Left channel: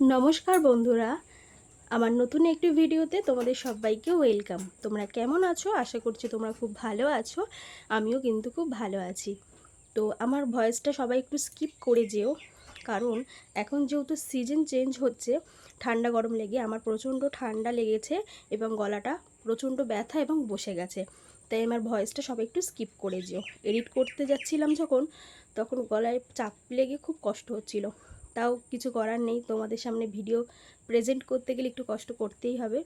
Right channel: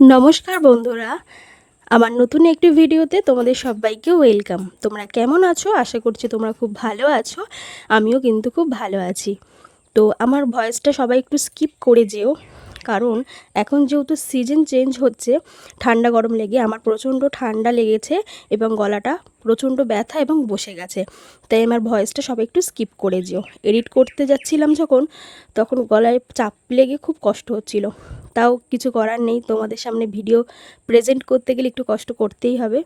নমস্কার বন্ধুরা, আমার নতুন একটি ভিডিওতে তোমাদের সবাইকে ওয়েলকাম। তোমরা কেমন আছো? আশা করছি তোমরা খুব ভালো আছো। আমিও কিন্তু খুব ভালো আছি। তো আমার ভয়েসটা সবাই একটু স্কিপ করে যেও, কারণ এখন যেহেতু সিজন চেঞ্জ হচ্ছে, ঠান্ডা গরম লেগে আমার প্রচণ্ড ঠান্ডা লেগেছে এবং গলাটা প্রচণ্ড ব্যথা এবং বসে গেছে। তাই আমার ভয়েসটা সবাই একটু স্কিপ করে যেও। এডিট করতে যাচ্ছিলাম যখন, তখন গলায় চাপ লেগে খুব কষ্ট হচ্ছিল। তাও কিছু করার নেই, তোমাদের সামনে ভিডিও প্রেজেন্ট করতে গেলে একটু কষ্ট করতেই হবে।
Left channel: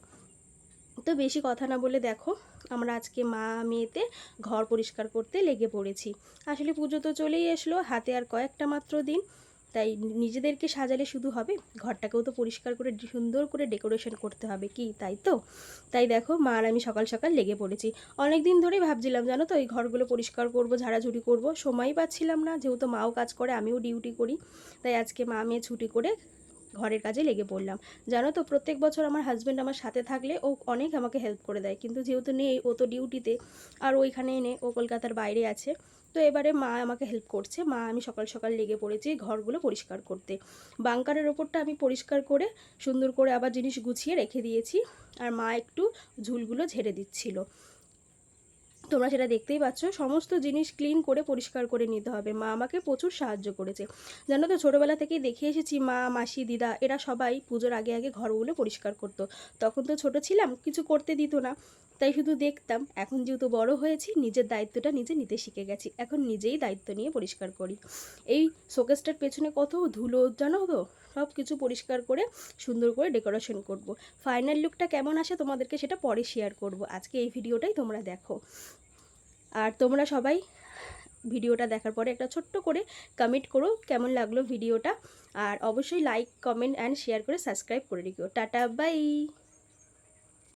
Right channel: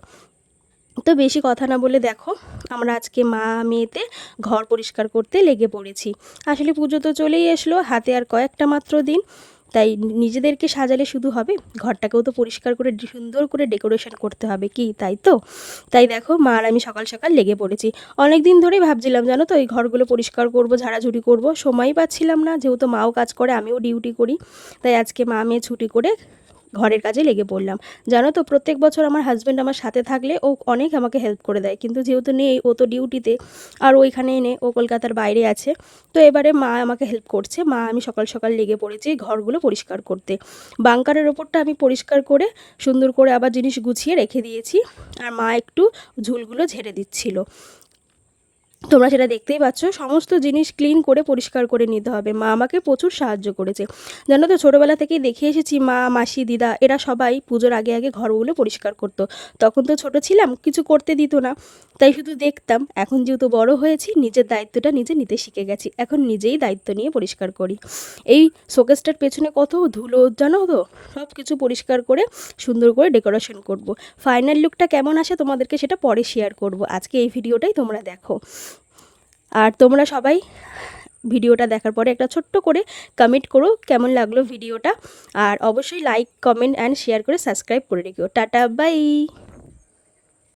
তো বেশি কথা না বলে দেখো, আমরা আজকে মা মেয়েতে ঘর পরিষ্কার করতে লেগে পড়েছি। আসলে পুজো তো চলেই আসলো, হাতে আর কয়েকটা মাত্র দিন। তাই নিজেদেরকে সাজালে শুধু হবে, ঘরটাকেও তো পরিষ্কার করে সুন্দর করে ডেকোরেশন করতে হবে, কি তাই তো? তাই দেখো, মা আর আমি সকাল সকাল লেগে পড়েছি। অনেক দিন ধরেই ভাবছিলাম, জানো তো, এই ঘরগুলো পরিষ্কার করব, ঝাড়াঝুড়ি করব, সময়ই পাচ্ছিলাম না, যেহেতু মাও কাজ করে আমিও ডিউটি করি। তাই আজকে মা মেয়ে ছুটি করে ঘরের কাজে লেগে পড়লাম। জানো তো, প্রত্যেক বছর আমার হাজব্যান্ড আমার সাথে থাকলে ও অনেক আমাকে হেল্প করে দেয়, কিন্তু যেহেতু নেই, ও তো ডিউটিতে, আর ওইখানে এনে ও কলকাতার বাইরে আছে। তো এবারে মা আমাকে হেল্প করছে। মা আমি সকাল সকাল লেগে পড়েছি ঘরগুলো পরিষ্কার করতে। বাংকারের ওপরটা আমি পরিষ্কার করে সুন্দর করে আবার জিনিস গুছিয়ে রেখে দিয়েছি, আর মা একটু ঝুলগুলো ঝেড়ে দিচ্ছিল। তোমরা সেটা দেখতেই পাচ্ছ, সমস্ত জিনিস ক্লিন করে পরিষ্কার করে নিতে হবে। মা আমাকে প্রচুর সাহায্য করেছে। জানো তো, ছোটোবেলা থেকেই দেখে এসেছি মা, মাসি, দিদা এরা সবাই পুজোর আগে আগে ঘরগুলো পরিষ্কার করতো। তখন তো ছোট ছিলাম, কিছু করতে দিত না, তাই শুধু দেখতাম। এখন যেহেতু বড় হয়েছি, নিজের দায়িত্বটা নিজে নিতে শিখে গেছি, এখন নিজেই দায়িত্ব নিয়ে পরিষ্কার করি। এই শোকেসটার পেছনে কত ধুলো, জানো তো, সব কিছু পরিষ্কার করে সুন্দর করে ডেকোরেশন করব। ফাইনাল লুকটা কেমন আসে তোমাদেরকে সেটা পরে শেয়ার করব, আজকে এই ভিডিওটাই তোমরা দেখো। আর তোমরা সবাই ভিডিওটা দেখার পরে একটা ছোট্ট করে কমেন্ট করো কেমন লাগলো ভিডিওটা, আর অবশ্যই লাইক, কমেন্ট অ্যান্ড শেয়ার করে সাবস্ক্রাইব করে রেখো। Tata, by.